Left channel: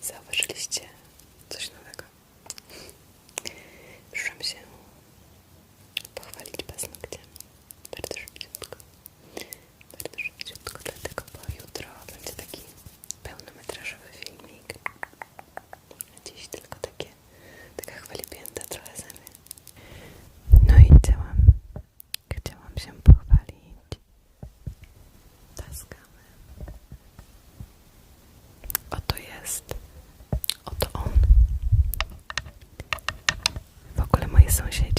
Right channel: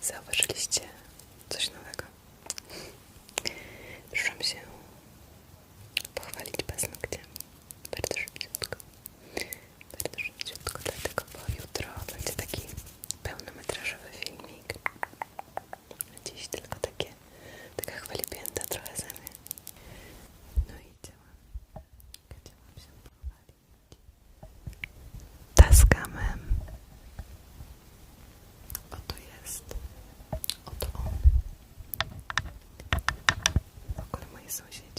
Zauważyliście coś nowego? Przyszłam się pochwalić paznokciem. Bardzo szybciutko. Bardzo szybciutko, dlatego bo jutro będzie taki pełnometrażowy filmik. Dziś tylko takie, taka chwalipięta trochę zamiast. No i chciałam, chciałam się pochwalić Tascamem. Oto jest associated.